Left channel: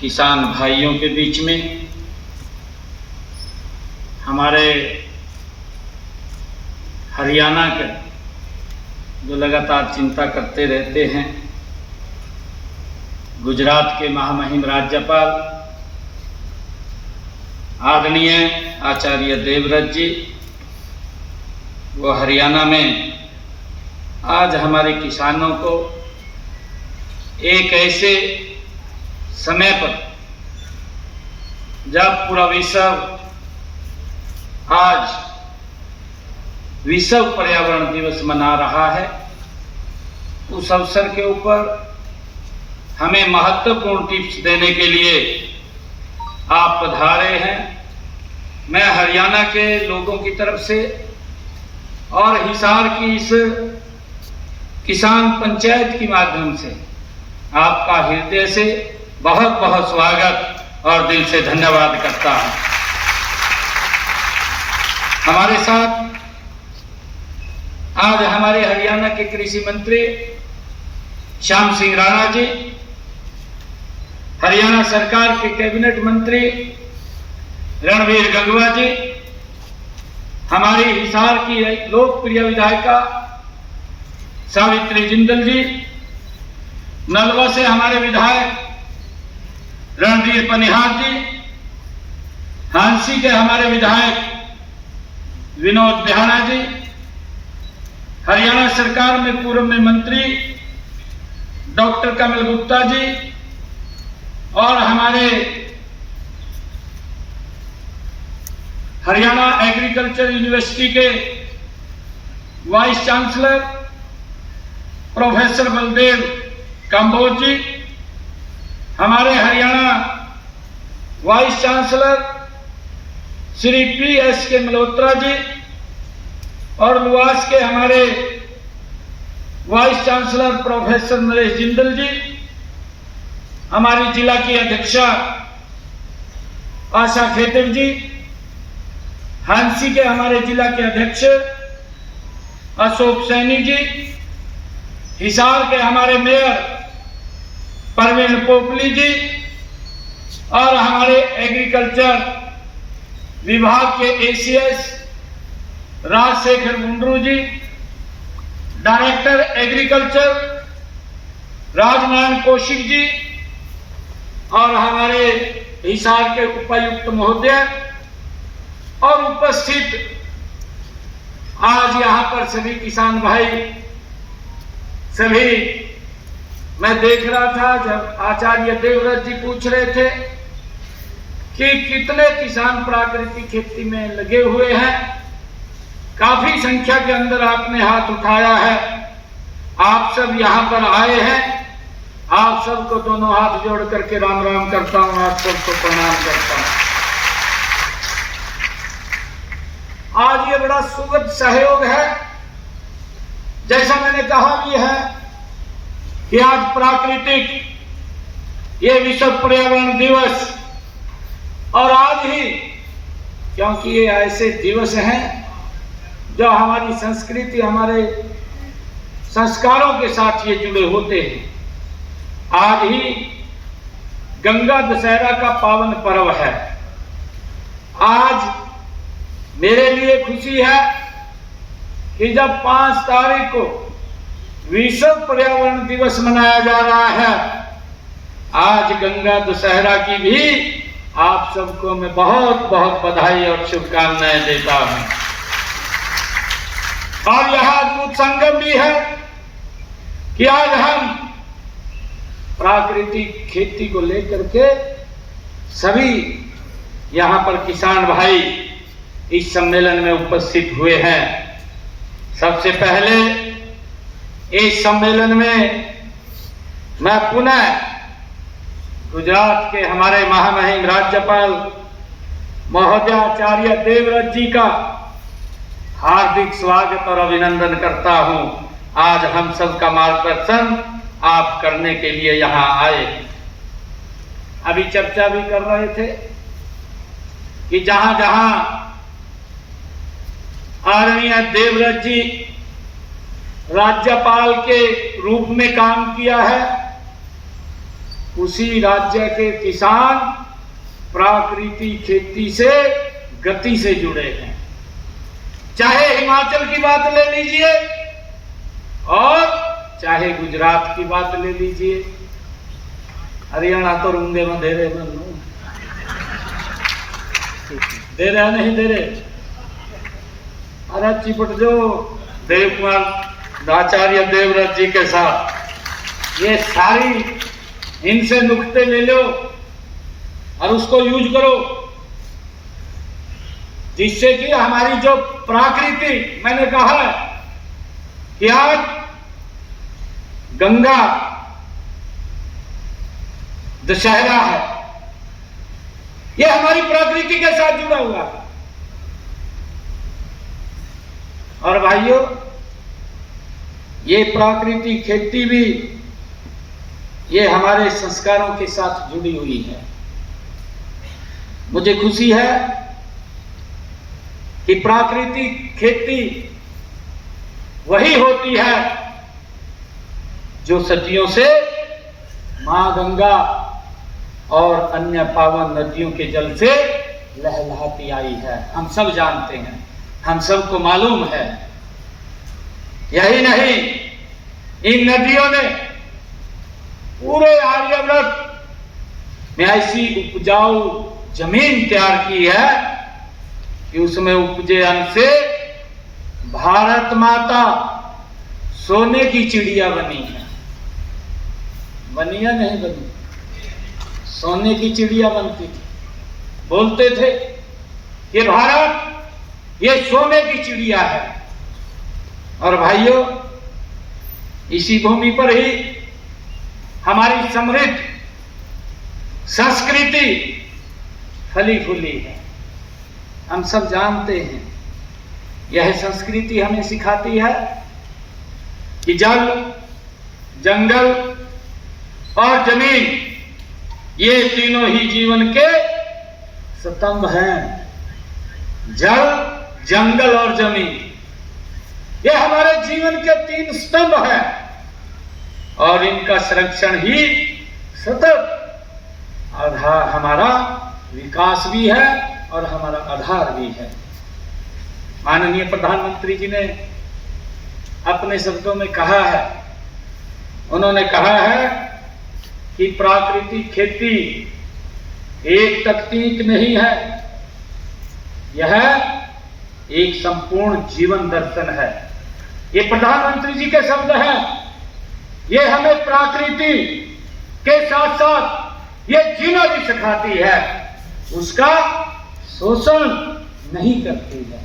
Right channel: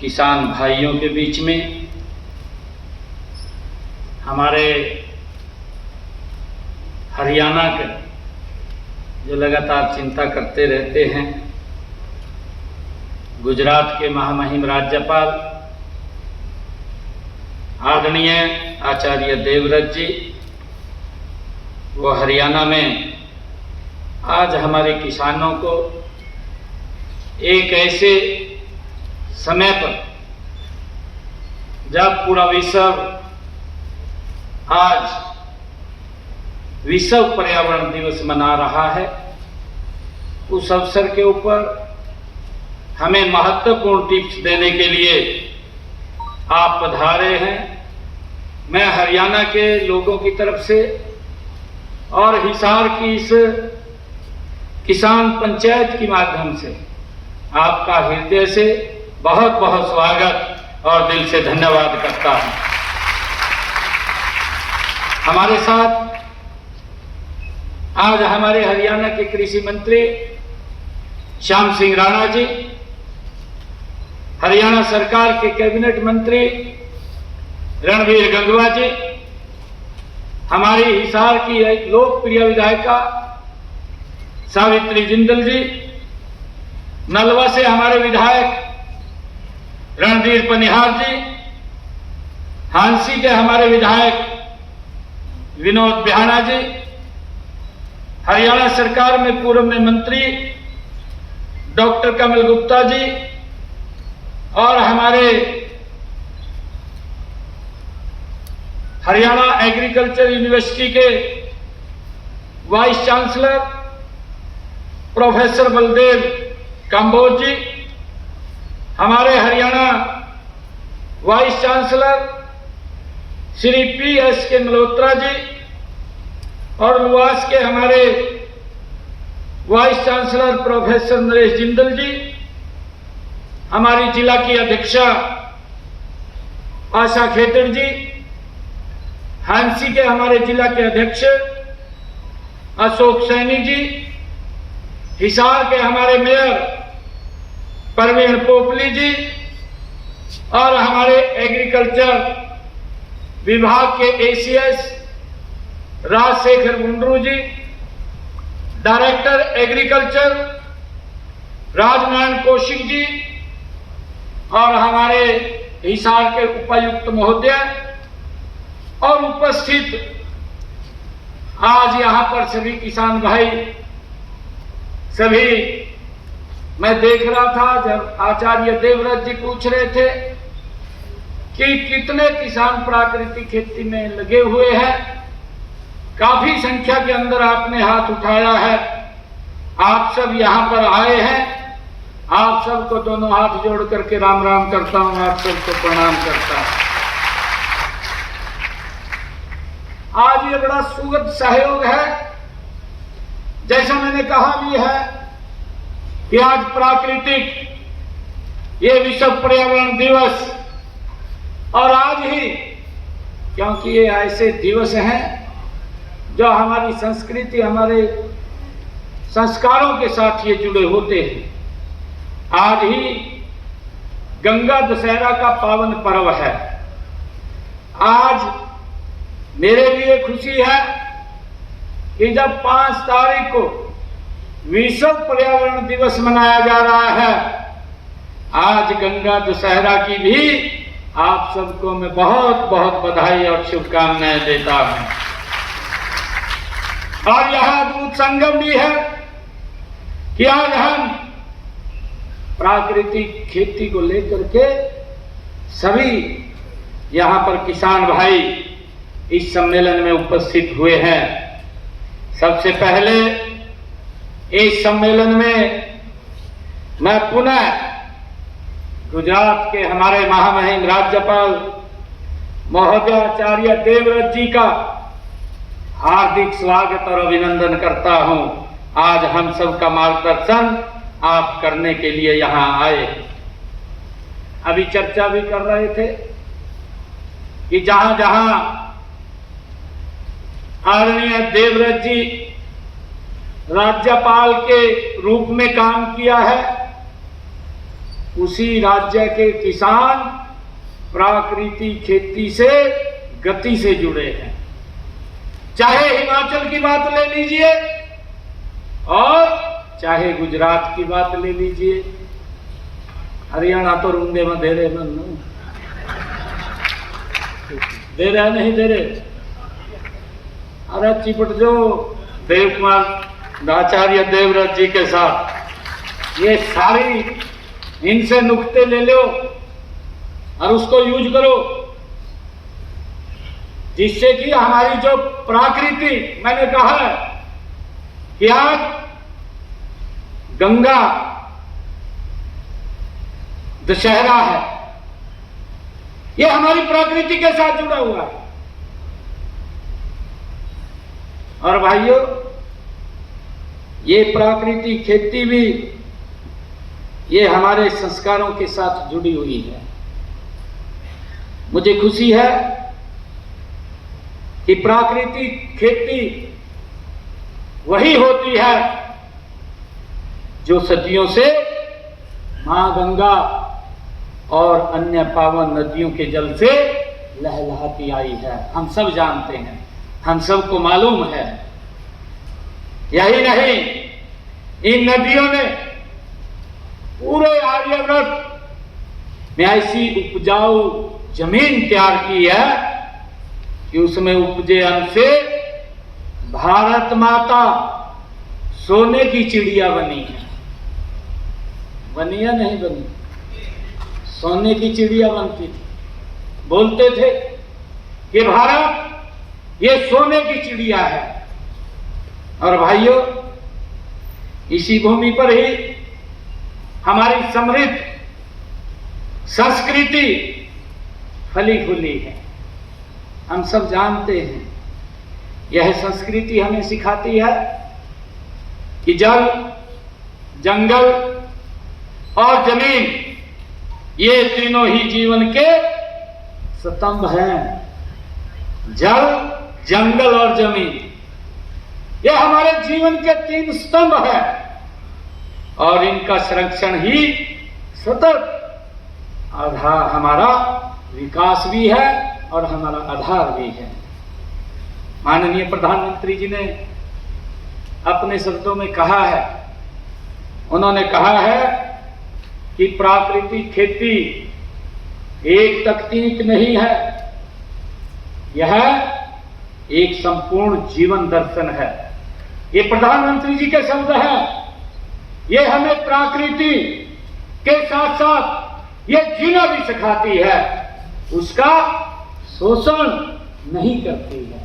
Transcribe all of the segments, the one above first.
किसान भाइयों के बीच में, हमारे हरियाणा के जो लगातार चिंता करते रहते हैं, गुजरात के महामहिम राज्यपाल आदरणीय आचार्य देवव्रत जी, वो हरियाणा में आज हमारे किसानों को एक ऐसे समय पर, जब पूरा विश्व आज विश्व पर्यावरण दिवस मना रहा है, उस अवसर के ऊपर हमें महत्वपूर्ण टिप्स देने के लिए आप पधारे हैं। मैं हरियाणा के लोगों की तरफ से और हिसार की इस किसान पंचायत के माध्यम से आपका हृदय से बहुत बहुत स्वागत और दिल से धन्यवाद करता हूं। हमारे साथ आज हमारे हरियाणा के कृषि मंत्री श्याम सिंह राणा जी, हरियाणा सरकार के कैबिनेट मंत्री रणवीर गंगवा जी, हमारी हिसार की एक लोकप्रिय विधायिका सावित्री जिंदल जी, नलवा से हमारे विधायक रणधीर पनिहार जी, हांसी के हमारे विधायक विनोद बिहाना जी, हरियाणा सरकार में पूर्व में मंत्री डॉक्टर कमल गुप्ता जी और हमारे हरियाणा एग्रीकल्चर यूनिवर्सिटी के vice chancellor professor Baldev Kamboj ji, हमारे Haryana vice chancellor Shri P.S.K. Malhotra ji और लुआस के हमारे vice chancellor professor Naresh Jindal ji, हमारी जिला की अध्यक्षा आशा खेतर जी, हांसी के हमारे जिला के अध्यक्ष अशोक सैनी जी, हिसार के हमारे मेयर परवीन पोपली जी और हमारे एग्रीकल्चर विभाग के ACS राजशेखर मुंड्रू जी, डायरेक्टर एग्रीकल्चर राजनारायण कौशिक जी और हमारे हिसार के उपायुक्त महोदय और उपस्थित आज यहाँ पर सभी किसान भाई, सभी मैं देख रहा था जब आचार्य देवव्रत जी पूछ रहे थे कि कितने किसान प्राकृतिक खेती में लगे हुए हैं, काफी संख्या के अंदर आपने हाथ उठाया है। आप सब यहाँ पर आए हैं, आप सबको दोनों हाथ जोड़ करके राम राम करता हूं, आप सबको प्रणाम करता हूं। आज ये बड़ा सुखद सहयोग है, जैसा मैंने कहा भी है कि आज प्राकृतिक ये विश्व पर्यावरण दिवस, और आज ही क्योंकि ये ऐसे दिवस हैं जो हमारी संस्कृति, हमारे संस्कारों के साथ ये जुड़े होते हैं। आज ही गंगा दशहरा का पावन पर्व है। आज मेरे लिए खुशी है कि जब 5 तारीख को विश्व पर्यावरण दिवस मनाया जा रहा है, आज गंगा दशहरा की भी आप सबको मैं बहुत बहुत बधाई और शुभकामनाएं देता हूं। और यह अद्भुत संगम भी है कि आज हम प्राकृतिक खेती को लेकर के सभी यहाँ पर किसान भाई इस सम्मेलन में उपस्थित हुए हैं। सबसे पहले इस सम्मेलन में मैं पुनः गुजरात के हमारे महामहिम राज्यपाल महोदय आचार्य देवव्रत जी का हार्दिक स्वागत और अभिनंदन करता हूं। आज हम सबका मार्गदर्शन आप करने के लिए यहाँ आए। अभी चर्चा भी कर रहे थे कि जहां जहां आदरणीय देवव्रत जी राज्यपाल के रूप में काम किया है, उसी राज्य के किसान प्राकृतिक खेती से गति से जुड़े हैं। चाहे हिमाचल की बात ले लीजिए और चाहे गुजरात की बात ले लीजिए। हरियाणा तो रूंगे में दे रहे बनू, दे रहा नहीं दे रहे। अरे चिपट जो देव कुमार आचार्य देवव्रत जी के साथ ये सारी इनसे नुक्ते ले लो और उसको यूज करो, जिससे कि हमारी जो प्रकृति, मैंने कहा है कि आज गंगा दशहरा है, ये हमारी प्रकृति के साथ जुड़ा हुआ है। और भाइयों, ये प्राकृतिक खेती भी ये हमारे संस्कारों के साथ जुड़ी हुई है। मुझे खुशी है कि प्राकृतिक खेती वही होती है जो सदियों से मां गंगा और अन्य पावन नदियों के जल से लहलहाती आई है। हम सब जानते हैं, हम सबको मालूम है। यही नहीं, इन नदियों ने पूरे आर्यव्रत में ऐसी उपजाऊ जमीन तैयार की है कि उसमें उपजे अन्न से भारत माता सोने की चिड़िया बनी है। बनी या नहीं बनी? सोने की चिड़िया बनती थी। बोलते थे कि भारत ये सोने की चिड़िया है। और भाइयों, इसी भूमि पर ही हमारी समृद्ध संस्कृति फली फूली है। हम सब जानते हैं, यह संस्कृति हमें सिखाती है कि जल, जंगल और जमीन ये तीनों ही जीवन के स्तंभ हैं। जल, जंगल और जमीन ये हमारे जीवन के 3 स्तंभ हैं और इनका संरक्षण ही सतत आधार, हमारा विकास भी है और हमारा आधार भी है। माननीय प्रधानमंत्री जी ने अपने शब्दों में कहा है, उन्होंने कहा है कि प्राकृतिक खेती एक तकनीक नहीं है, यह एक संपूर्ण जीवन दर्शन है। ये प्रधानमंत्री जी के शब्द हैं। ये हमें प्रकृति के साथ साथ ये जीना भी सिखाती है, उसका शोषण नहीं करती है।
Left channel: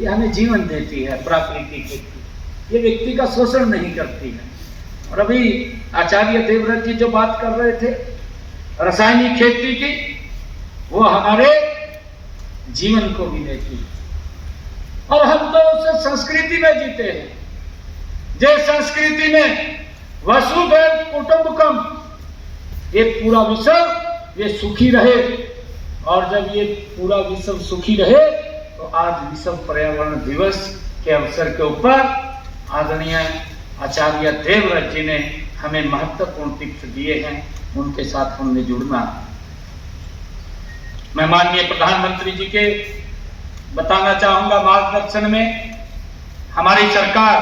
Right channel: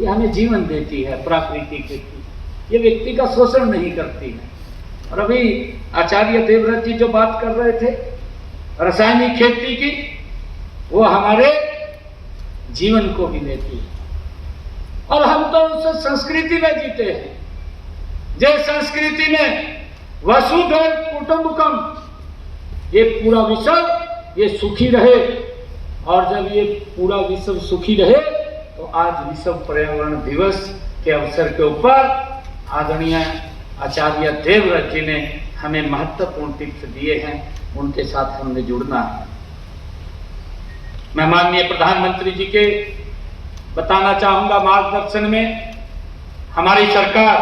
ये हमें जीवन देती है प्राकृतिक खेती, ये व्यक्ति का शोषण नहीं करती है। और अभी आचार्य देवव्रत जी जो बात कर रहे थे रासायनिक खेती की, वो हमारे जीवन को भी देती है। और हम तो उस संस्कृति में जीते हैं, जिस संस्कृति में वसुधैव कुटुंबकम, ये पूरा विश्व ये सुखी रहे। और जब ये पूरा विश्व सुखी रहे तो आज विश्व पर्यावरण दिवस के अवसर के ऊपर आदरणीय आचार्य देवव्रत जी ने हमें महत्वपूर्ण टिप्स दिए हैं, उनके साथ हमने जुड़ना है। मैं माननीय प्रधानमंत्री जी के बताना चाहूंगा मार्गदर्शन में हमारी सरकार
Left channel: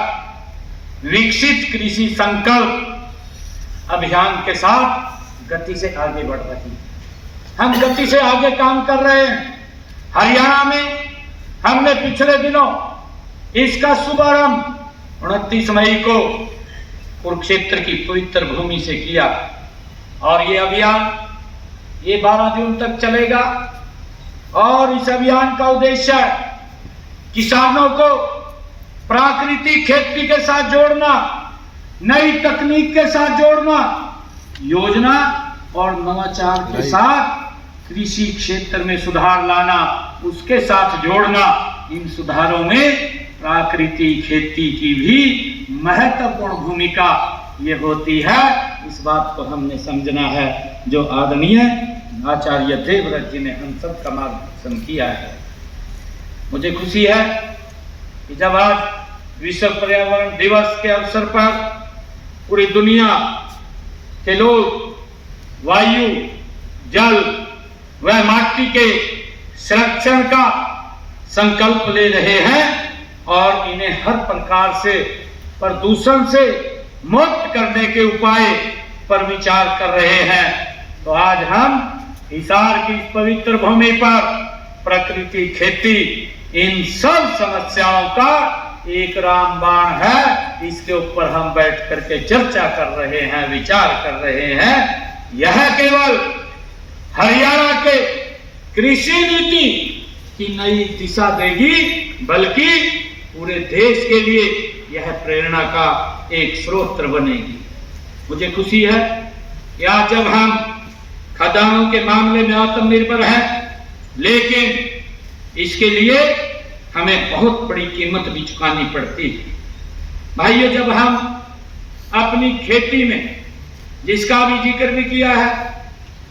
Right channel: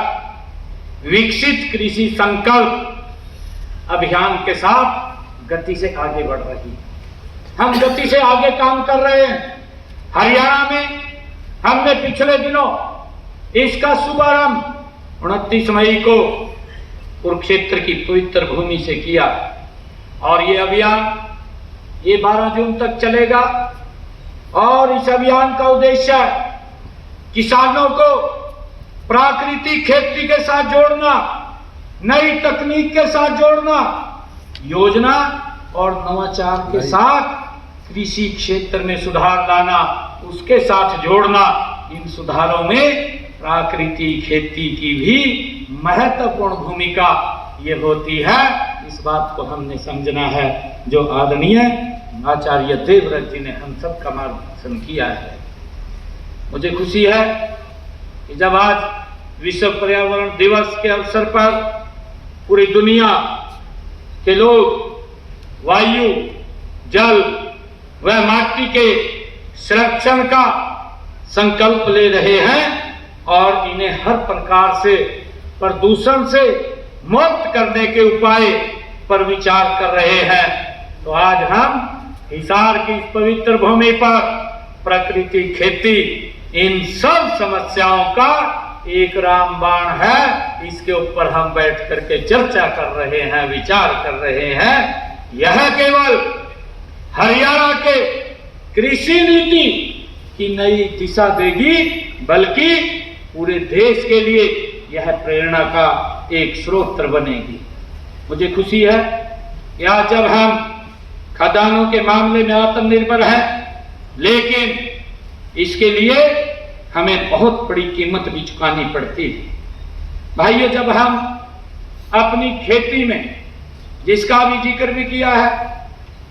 विकसित कृषि संकल्प अभियान के साथ गति से आगे बढ़ रही है। हम गति से आगे काम कर रहे हैं। हरियाणा में हमने पिछले दिनों इसका शुभारंभ 29 मई को कुरुक्षेत्र की पवित्र भूमि से किया और ये अभियान ये 12 जून तक चलेगा। और इस अभियान का उद्देश्य किसानों को प्राकृतिक खेती के साथ जोड़ना, नई तकनीक के साथ जोड़ना, योजना और नवाचार के साथ कृषि क्षेत्र में सुधार लाना, उसके साथ जोड़ना। इन सुधारों में प्राकृतिक खेती की भी महत्वपूर्ण भूमिका ये होती है। इस बात को हमने समझना है, जो आदरणीय आचार्य देवव्रत जी ने हम सब का मार्गदर्शन किया है। मुझे खुशी है कि जब आज विश्व पर्यावरण दिवस के अवसर पर पूरी दुनिया के लोग वायु, जल व माटी के संरक्षण का संकल्प ले रहे हैं और इन्हें हर प्रकार से प्रदूषण से मुक्त करने के उपाय पर विचार कर रहे हैं। तो आज हम हिसार की इस पवित्र भूमि पर प्रकृति, खेती, इन सब समस्याओं का एक रामबाण है, इसके ऊपर हम बैठ करके चर्चा कर रहे हैं, विचार कर रहे हैं। यह केवल हरियाणा के कृषि नीति की नई दिशा देगी, बल्कि पूरे देश के लिए यह प्रेरणा का एक स्रोत बनेगी। मुझे खुशी है कि आज जब हम खदानों के मामले में आत्मनिर्भर हैं, लेकिन इसके लिए हमें बहुत बड़ी कीमत भी चुकानी पड़ती है। भाइयों, जब हम अपनी खेती में, जिसका भी जिक्र भी किया है,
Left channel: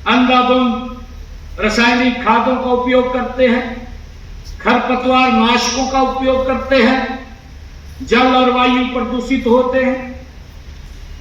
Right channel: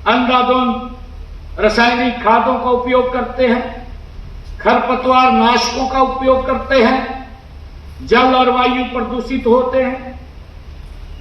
अंधाधुंध रासायनिक खादों का उपयोग करते हैं, खरपतवार नाशकों का उपयोग करते हैं, जल और वायु प्रदूषित होते हैं,